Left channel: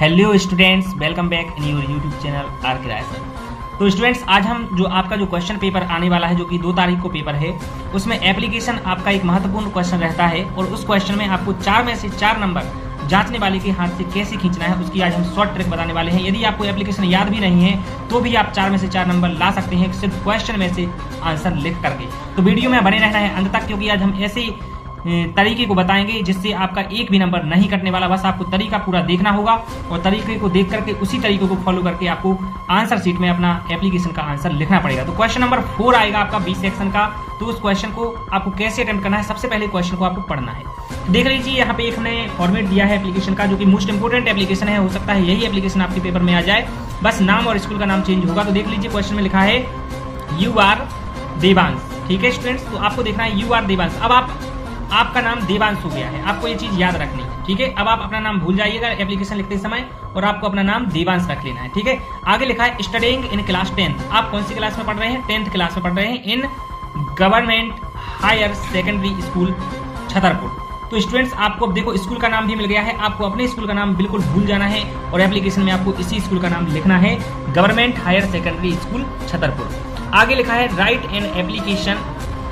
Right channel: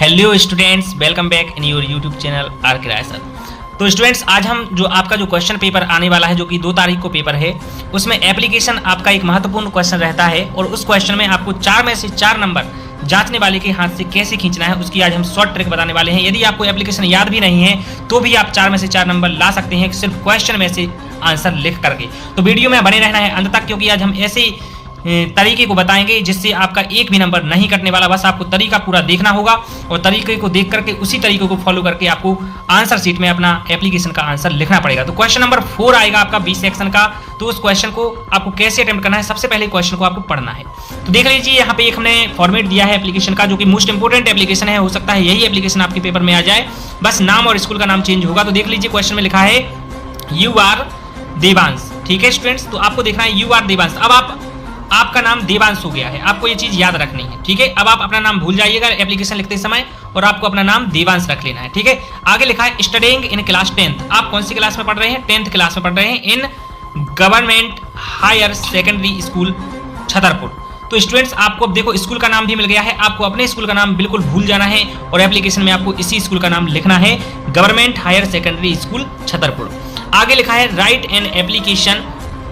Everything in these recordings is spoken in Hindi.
Hello students, welcome back in your YouTube channel are के राय सर। तो स्टूडेंट्स, आज हम जो आपका जो क्वेश्चन पेपर आने वाला है, जो कि 2 तारीख को पेपर है, उसमें एप्लीकेशन आपका एक महत्वपूर्ण क्वेश्चन रहता है और उस क्वेश्चन में आपको 4 में से 4 नंबर जांचने वाले के हाथ से कैसे खींचना है, उसकी आज हम शॉर्ट ट्रिक बताने वाले हैं। यदि आपको एप्लीकेशन याद भी नहीं है तो भी आप 4 में से 4 नंबर ला सकते हैं सिर्फ क्वेश्चन में से आंसर लिख करके। तो वीडियो में बने रहना है अंत तक, क्योंकि आज हम ऐसे तरीके को बताएंगे जिससे आपका एक भी नंबर नहीं कटने वाला। बस आपको तरीका पूरा देखना होगा और तरीके को देख करके उसी तरीके को फॉलो करके आपको आंसर शीट में अपना एप्लीकेशन का आंसर लिखना पड़ेगा। तो क्वेश्चन नंबर 4 आएगा आपका बी सेक्शन का। तो उस क्वेश्चन को आपको कैसे अटेम्प्ट करना है, सबसे पहले क्वेश्चन को आपको पढ़ना है। तो देख लीजिए, यहाँ पे एक हमने फॉर्मेट दिया है एप्लीकेशन का, जो कि मोस्ट इंपोर्टेंट एप्लीकेशन है। हो सकता है यही एप्लीकेशन आपके पेपर में आ जाए, बस नाम और स्कूल का नाम चेंज होगा। तो देख लीजिए, क्वेश्चन में लिखा है यू आर देवांश। ठीक है स्टूडेंट्स, तो आपको देखना है यू आर देवांश। अब आपका नाम देवांश हो गया है, आपको ये चीज याद रखनी है। ठीक है, अब आप अपना नाम भूल जाइएगा एप्लीकेशन लिखते समय और आपको अपना नाम देवांश रख लेना है। ठीक है, आगे लिखा है स्टडीइंग इन क्लास 10th। आप कौन सी क्लास में पढ़ रहे हैं? 10th क्लास में पढ़ रहे हैं in government higher secondary school Chhatarpur. तो स्टूडेंट्स, आपको अब देखो स्कूल का नाम भी मिल गया है, आपको अपने स्कूल का नाम बिल्कुल भूल जाना है और एप्लीकेशन में आपको इसी स्कूल का नाम लिखना है, government higher secondary school Chhatarpur. आगे लिखा है write an application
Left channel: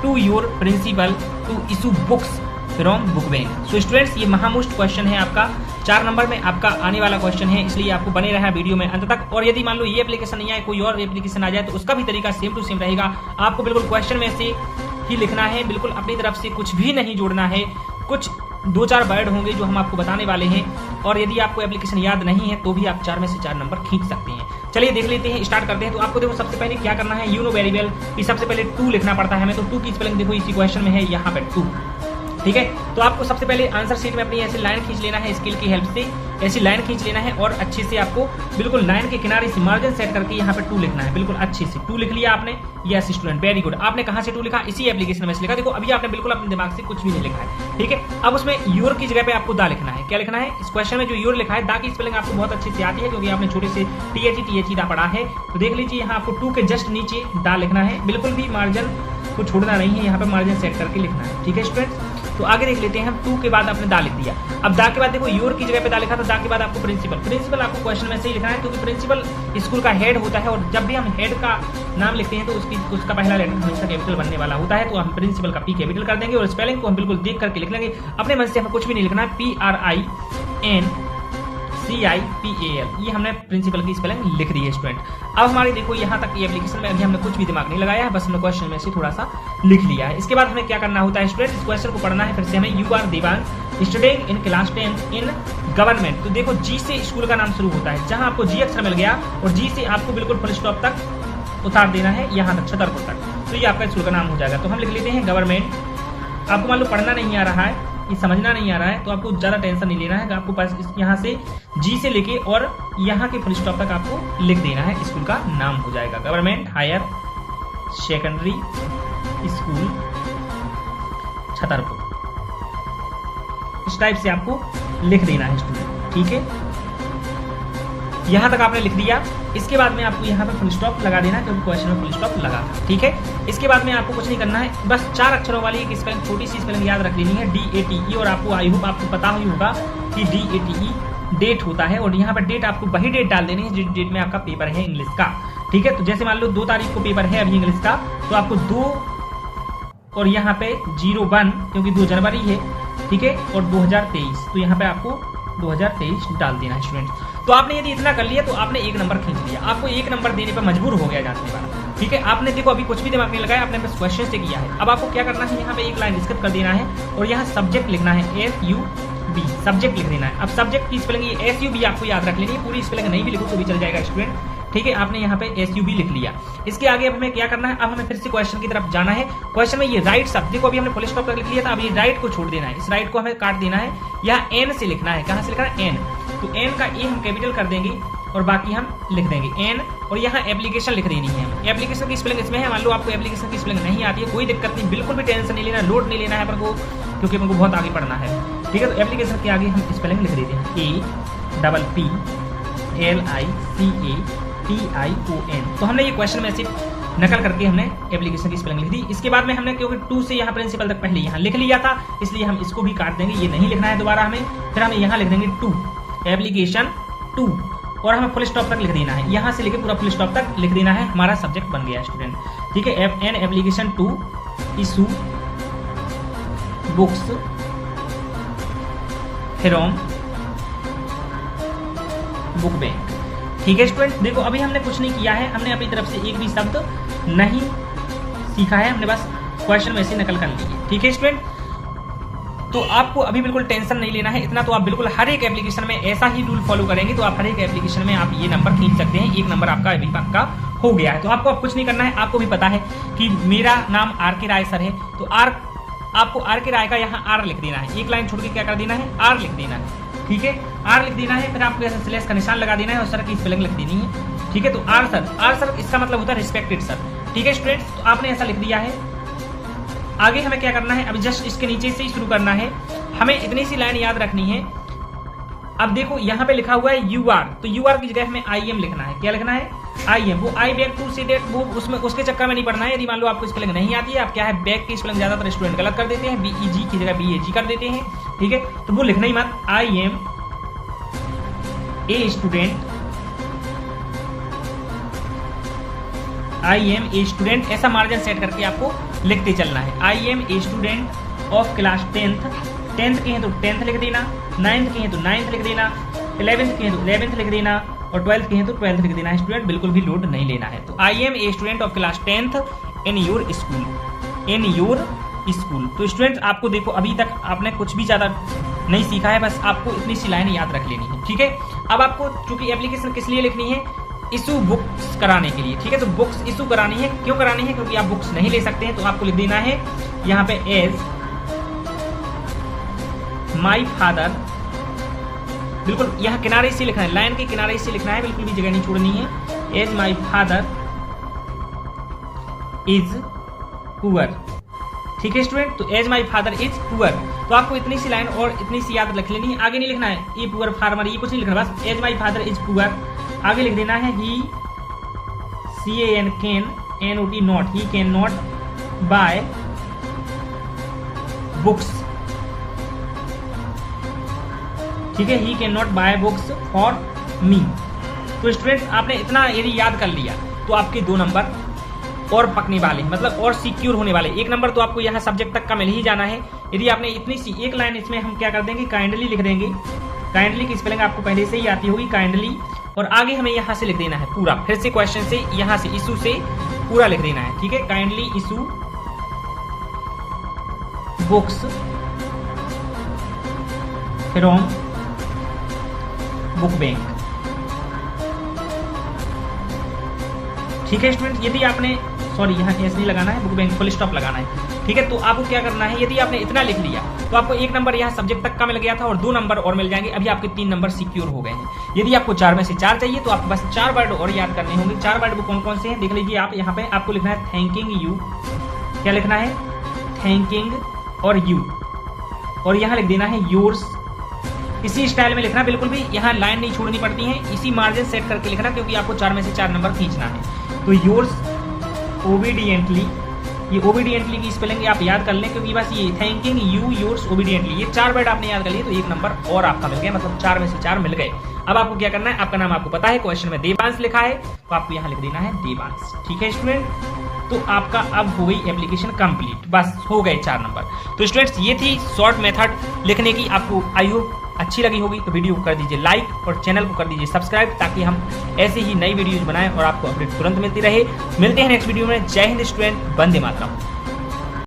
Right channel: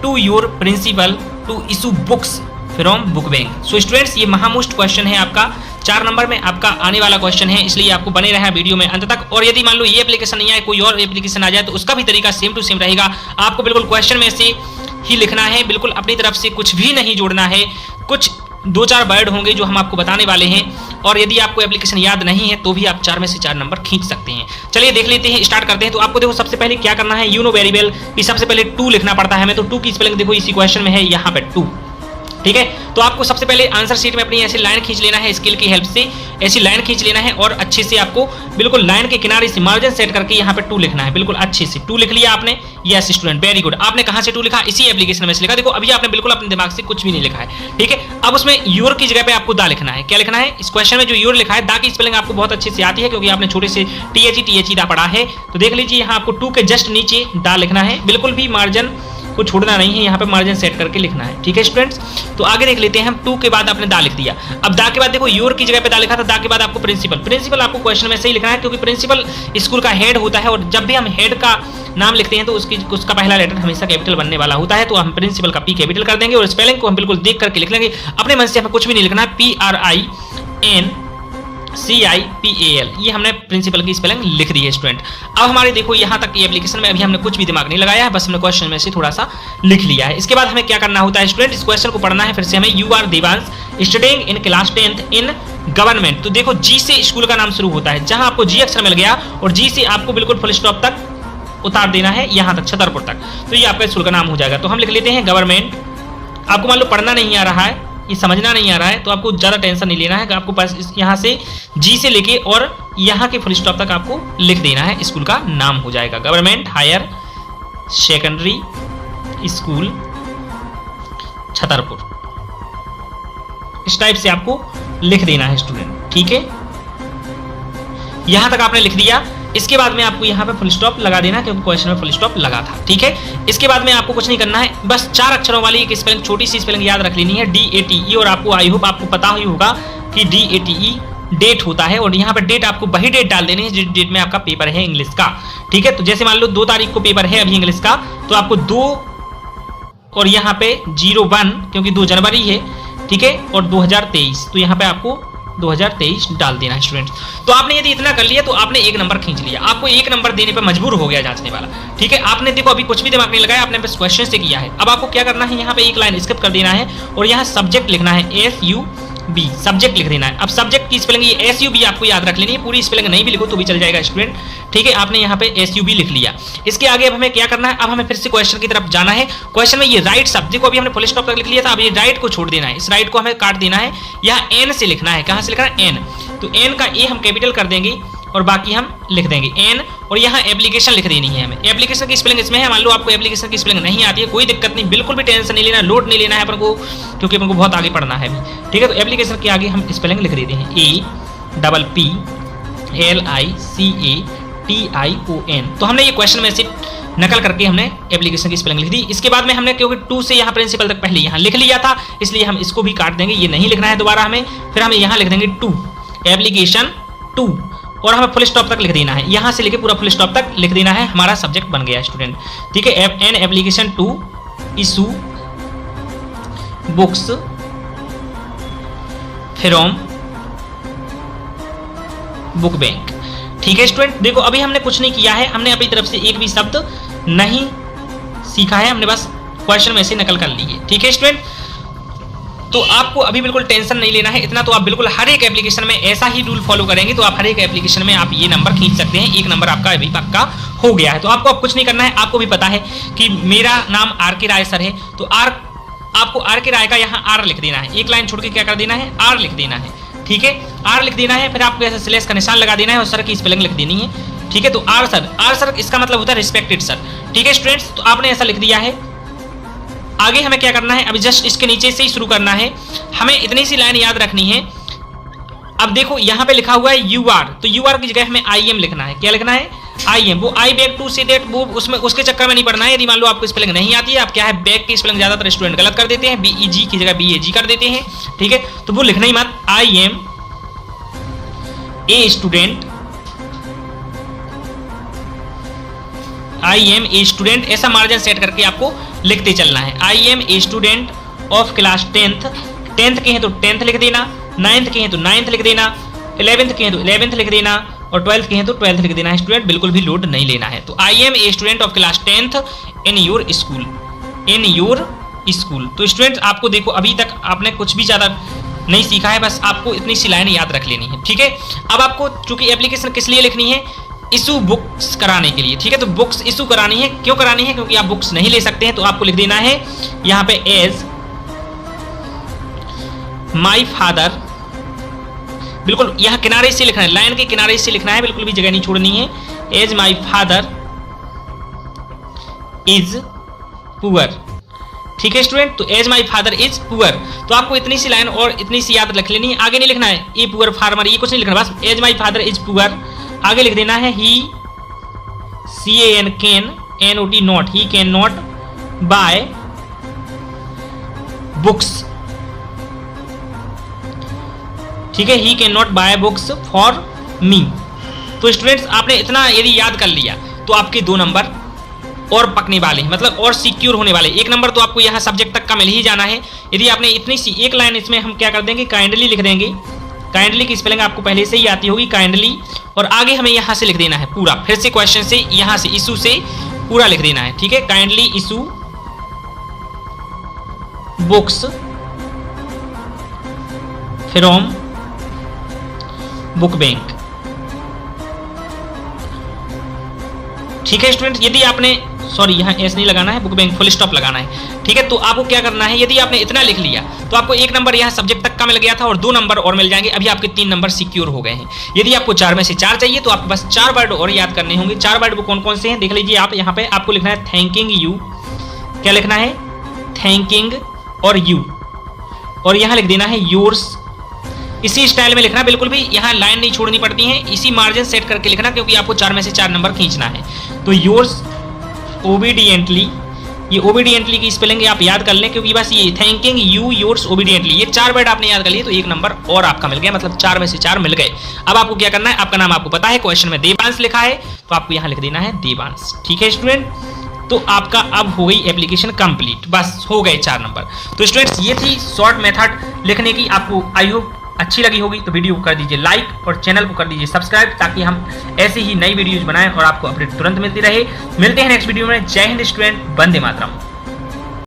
to your principal to issue books from book bank. So students, ये महामोस्ट क्वेश्चन है आपका, 4 नंबर में आपका आने वाला क्वेश्चन है, इसलिए आपको बने रहा वीडियो में अंत तक। और यदि मान लो ये एप्लीकेशन नहीं आए, कोई और एप्लीकेशन आ जाए, तो उसका भी तरीका सेम टू सेम रहेगा। आपको बिल्कुल क्वेश्चन में से ही लिखना है, बिल्कुल अपनी तरफ से कुछ भी नहीं जोड़ना है। कुछ 2-4 वर्ड होंगे जो हम आपको बताने वाले हैं, और यदि आपको एप्लीकेशन याद नहीं है तो भी आप 4 में से 4 नंबर खींच सकते हैं। चलिए देख लेते हैं, स्टार्ट करते हैं। तो आपको देखो सबसे पहले क्या करना है, यू नो वेरी वेल कि सबसे पहले 2 लिखना पड़ता है हमें। तो 2 की स्पेलिंग देखो इसी क्वेश्चन में है, यहाँ पे 2। ठीक है, तो आपको सबसे पहले आंसर शीट में अपनी ऐसी लाइन खींच लेना है, स्केल की हेल्प से ऐसी लाइन खींच लेना है और अच्छे से आपको बिल्कुल लाइन के किनारे से मार्जिन सेट करके यहाँ पे 2 लिखना है। बिल्कुल अच्छे से 2 लिख लिया आपने। Yes student, very good. आपने कहाँ से 2 लिखा? इसी एप्लीकेशन में से लिखा। देखो अभी आपने बिल्कुल अपने दिमाग से कुछ भी नहीं लिखा है। ठीक है, अब उसमें योर की जगह पे आपको दा लिखना है। क्या लिखना है? इस क्वेश्चन में जो योर लिखा है, दा की स्पेलिंग आपको बहुत अच्छे से आती है, क्योंकि आपने छोटे से THE दा पढ़ा है। तो देख लीजिए, यहाँ आपको 2 के जस्ट नीचे दा लिखना है, बिल्कुल भी मार्जिन को छोड़ना नहीं है, यहाँ पे मार्जिन सेट करके लिखना है। ठीक है स्टूडेंट्स, तो आगे देख लेते हैं हम। 2 के बाद आपने दा लिख दिया। अब दा के बाद देखो योर की जगह पे दा लिखा था, दा के बाद आपको प्रिंसिपल आपको क्वेश्चन में से ही लिखना है, क्योंकि प्रिंसिपल स्कूल का हेड होता है और जब भी हम हेड का नाम लिखते हैं तो उसका पहला लेटर हमेशा कैपिटल बनने वाला होता है। तो हम प्रिंसिपल का P कैपिटल कर देंगे और स्पेलिंग को हम बिल्कुल देख करके लिख लेंगे। अपने मन से हमें कुछ भी नहीं लिखना है, PRINCIPAL, ये हमने प्रिंसिपल की स्पेलिंग लिख दी है स्टूडेंट। अब हमारे देखो यहाँ तक ये एप्लीकेशन में अभी हमने कुछ भी दिमाग नहीं लगाया है, बस हमने क्वेश्चन में से थोड़ा सा लिख लिया है। इसके बाद हमें क्या करना होता है स्टूडेंट, इस क्वेश्चन को पढ़ना है फिर से हमें। You are Devansh studying in class 10th in government. तो देखो जी से स्कूल का नाम शुरू होता है, जहां आपको जी अक्षर मिल गया और जी से आपको बिल्कुल फुल स्टॉप तक उतार देना है, यहाँ तक छतरपुर तक। तो ये आपका स्कूल का नाम हो जाएगा। तो हम लिख लेते हैं गवर्नमेंट। आपको मान लो पढ़ना नहीं आ रहा है, ये समझना नहीं आ रहा है, तो आपको ज़्यादा टेंशन नहीं लेना है कि आपको पास यहाँ से जी से लेके और यहाँ के फुल स्टॉप तक आपको लिख देना है, स्कूल का नाम हो जाएगा government higher secondary school Chhatarpur. इस टाइप से आपको लिख देना है स्टूडेंट। ठीक है, यहाँ तक आपने लिख दिया। इसके बाद में आपको यहाँ पे फुल स्टॉप लगा देना, क्योंकि क्वेश्चन में फुल स्टॉप लगा था। ठीक है, इसके बाद में आपको कुछ नहीं करना है, बस 4 अक्षरों वाली एक स्पेलिंग, छोटी सी स्पेलिंग याद रख लेनी है, DATE। और आपको आई होप आपको पता ही होगा कि DATE डेट होता है, और यहाँ पे डेट आपको वही डेट डाल देनी है जिस डेट में आपका पेपर है इंग्लिश का। ठीक है, तो जैसे मान लो 2 तारीख को पेपर है अभी इंग्लिश का, तो आपको 2 और यहाँ पे 01, क्योंकि 2 जनवरी है। ठीक है, और 2023, तो यहाँ पे आपको 2023 डाल देना है स्टूडेंट। तो आपने यदि इतना कर लिया तो आपने 1 नंबर खींच लिया। आपको 1 नंबर देने पर मजबूर हो गया जांचने वाला। ठीक है, आपने देखो अभी कुछ भी दिमाग नहीं लगाया, आपने बस क्वेश्चन से किया है। अब आपको क्या करना है, यहाँ पे एक लाइन स्किप कर देना है और यहाँ सब्जेक्ट लिखना है, SUB, सब्जेक्ट लिख देना है। अब सब्जेक्ट की स्पेलिंग ये SUB आपको याद रख लेनी है, पूरी स्पेलिंग नहीं भी लिखो तो भी चल जाएगा स्टूडेंट। ठीक है, आपने यहाँ पे SUB लिख लिया। इसके आगे अब हमें क्या करना है, अब हमें फिर से क्वेश्चन की तरफ जाना है। क्वेश्चन में ये राइट शब्द देखो, अभी हमने फुल स्टॉप कर लिख लिया था, अब ये राइट को छोड़ देना है, इस राइट को हमें काट देना है। यहाँ N से लिखना है, कहाँ से लिखना है? N। तो N का A हम कैपिटल कर देंगे और बाकी हम लिख देंगे N, और यहाँ एप्लीकेशन लिख देनी है हमें। एप्लीकेशन की स्पेलिंग इसमें है, मान लो आपको एप्लीकेशन की स्पेलिंग नहीं आती है, कोई दिक्कत नहीं, बिल्कुल भी टेंशन नहीं लेना, लोड नहीं लेना है अपन को, क्योंकि अपन को बहुत आगे पढ़ना है अभी। ठीक है, तो एप्लीकेशन के आगे हम स्पेलिंग लिख देते हैं, APPLICATION। तो हमने ये क्वेश्चन में से नकल करके हमने एप्लीकेशन की स्पेलिंग लिख दी। इसके बाद में हमने क्योंकि 2 से यहाँ प्रिंसिपल तक पहले यहाँ लिख लिया था, इसलिए हम इसको भी काट देंगे, ये नहीं लिखना है दोबारा हमें। फिर हमें यहाँ लिख देंगे 2, एप्लीकेशन टू और हमें फुल स्टॉप तक लिख देना है, यहाँ से लेके पूरा फुल स्टॉप तक लिख देना है, हमारा सब्जेक्ट बन गया स्टूडेंट। ठीक है, an application to issue books from book bank. ठीक है स्टूडेंट, देखो अभी हमने कुछ नहीं किया है, हमने अपनी तरफ से एक भी शब्द नहीं सीखा है, हमने बस क्वेश्चन में से नकल कर ली है। ठीक है स्टूडेंट, तो आपको अभी बिल्कुल टेंशन नहीं लेना है, इतना तो आप बिल्कुल हर एक एप्लीकेशन में ऐसा ही रूल फॉलो करेंगे तो आप हर एक एप्लीकेशन में आप ये नंबर खींच सकते हैं। एक नंबर आपका अभी पक्का हो गया है। तो आपको अब कुछ नहीं करना है, आपको भी पता है कि मेरा नाम आर के राय सर है, तो आपको आर के राय का यहाँ आर लिख देना है, एक लाइन छोड़ के क्या कर देना है, आर लिख देना है। ठीक है, आर लिख देना है, फिर आपको ऐसे स्लैश का निशान लगा देना है और सर की स्पेलिंग लिख देनी है। ठीक है, तो आर सर इसका मतलब होता है रिस्पेक्टेड सर। ठीक है स्टूडेंट्स, तो आपने ऐसा लिख दिया है। आगे हमें क्या करना है, अभी जस्ट इसके नीचे से ही शुरू करना है, हमें इतनी सी लाइन याद रखनी है। अब देखो यहाँ पे लिखा हुआ है यू आर, तो यू आर की जगह हमें आई एम लिखना है। क्या लिखना है, आई एम। वो आई बैक टू सी दैट, वो उसमें उसके चक्कर में नहीं पड़ना है। यदि मान लो आपको स्पेलिंग नहीं आती है, आप क्या है बैक की स्पेलिंग ज्यादातर स्टूडेंट गलत कर देते हैं, बीईजी की जगह बीएजी कर देते हैं। ठीक है, तो वो लिखना ही मत, I am a student, I am a student, ऐसा मार्जिन सेट करके आपको लिखते चलना है। I am a student of class 10th के हैं तो 10th लिख देना, 9th के हैं तो 9th लिख देना, 11th के हैं तो 11th लिख देना और 12th के हैं तो 12th लिख देना है स्टूडेंट, बिल्कुल भी लोड नहीं लेना है। तो I am a student of class 10th in your school. तो स्टूडेंट आपको देखो अभी तक आपने कुछ भी ज़्यादा नहीं सीखा है, बस आपको इतनी सी लाइन याद रख लेनी है। ठीक है, अब आपको चूंकि एप्लीकेशन किस लिए लिखनी है, इशू बुक्स कराने के लिए। ठीक है, तो बुक्स इशू करानी है, क्यों करानी है, क्योंकि आप बुक्स नहीं ले सकते हैं, तो आपको लिख देना है यहाँ पे एज माई फादर, बिल्कुल यहाँ किनारे से लिखना है, लाइन के किनारे से लिखना है, बिल्कुल भी जगह नहीं छोड़नी है। As my father is poor. ठीक है स्टूडेंट, तो as my father is poor, तो आपको इतनी सी लाइन और इतनी सी याद रख लेनी है, आगे नहीं लिखना है ए पुअर फार्मर, ये कुछ नहीं लिखना, बस as my father is poor. आगे लिख देना है he CAN can NOT not, he can not buy books. ठीक है, he can not buy books for me. तो स्टूडेंट्स आपने इतना यदि याद कर लिया तो आपके 2 नंबर और पकने वाले हैं, मतलब और सिक्योर होने वाले। 1 नंबर तो आपको यहाँ सब्जेक्ट तक का मिल ही जाना है। यदि आपने इतनी सी एक लाइन, इसमें हम क्या कर देंगे, काइंडली लिख देंगे। काइंडली की स्पेलिंग आपको पहले से ही आती होगी, काइंडली, और आगे हमें यहाँ से लिख देना है पूरा, फिर से क्वेश्चन से यहाँ से इशू से पूरा लिख देना है। ठीक है, kindly issue books from book bank. ठीक है स्टूडेंट, यदि आपने यहाँ एस नहीं लगाना है, बुक बैंक फुल स्टॉप लगाना है। ठीक है, तो आपको क्या करना है, यदि आपने इतना लिख लिया तो आपको 1 नंबर यहाँ सब्जेक्ट तक का मिल गया था और 2 नंबर और मिल जाएंगे। अभी आपके 3 नंबर सिक्योर हो गए हैं। यदि आपको 4 में से 4 चाहिए तो आपको बस 4 वर्ड और याद करने होंगे। 4 वर्ड वो कौन कौन से हैं देख लीजिए आप। यहाँ पे आपको लिखना है थैंकिंग यू, क्या लिखना है, थैंकिंग और यू, और यहाँ लिख देना है योर्स। इसी स्टाइल में लिखना, बिल्कुल भी यहाँ लाइन नहीं छोड़नी पड़ती है, इसी मार्जिन सेट करके लिखना, क्योंकि आपको 4 में से 4 नंबर खींचना है। तो योर्स ओबीडियंटली, ये ओबीडियंटली की स्पेलिंग आप याद कर लें, क्योंकि बस ये थैंकिंग यू योर्स ओबीडियंटली, ये 4 वर्ड आपने याद कर लिए तो 1 नंबर और आपका मिल गया, मतलब 4 में से 4 मिल गए। अब आपको क्या करना है, आपका नाम आपको पता है, क्वेश्चन में देवांश लिखा है तो आपको यहाँ लिख देना है देवांश। ठीक है स्टूडेंट, तो आपका अब हो गई एप्लीकेशन कंप्लीट, बस हो गए 4 नंबर। तो स्टूडेंट्स ये थी शॉर्ट मेथड लिखने की, आपको आई होप अच्छी लगी होगी। तो वीडियो को कर दीजिए लाइक और चैनल को कर दीजिए सब्सक्राइब, ताकि हम ऐसी ही नई वीडियोज बनाएं और आपको अपडेट तुरंत मिलती रहे। मिलते हैं नेक्स्ट वीडियो में। जय हिंद स्टूडेंट, वंदे मातरम।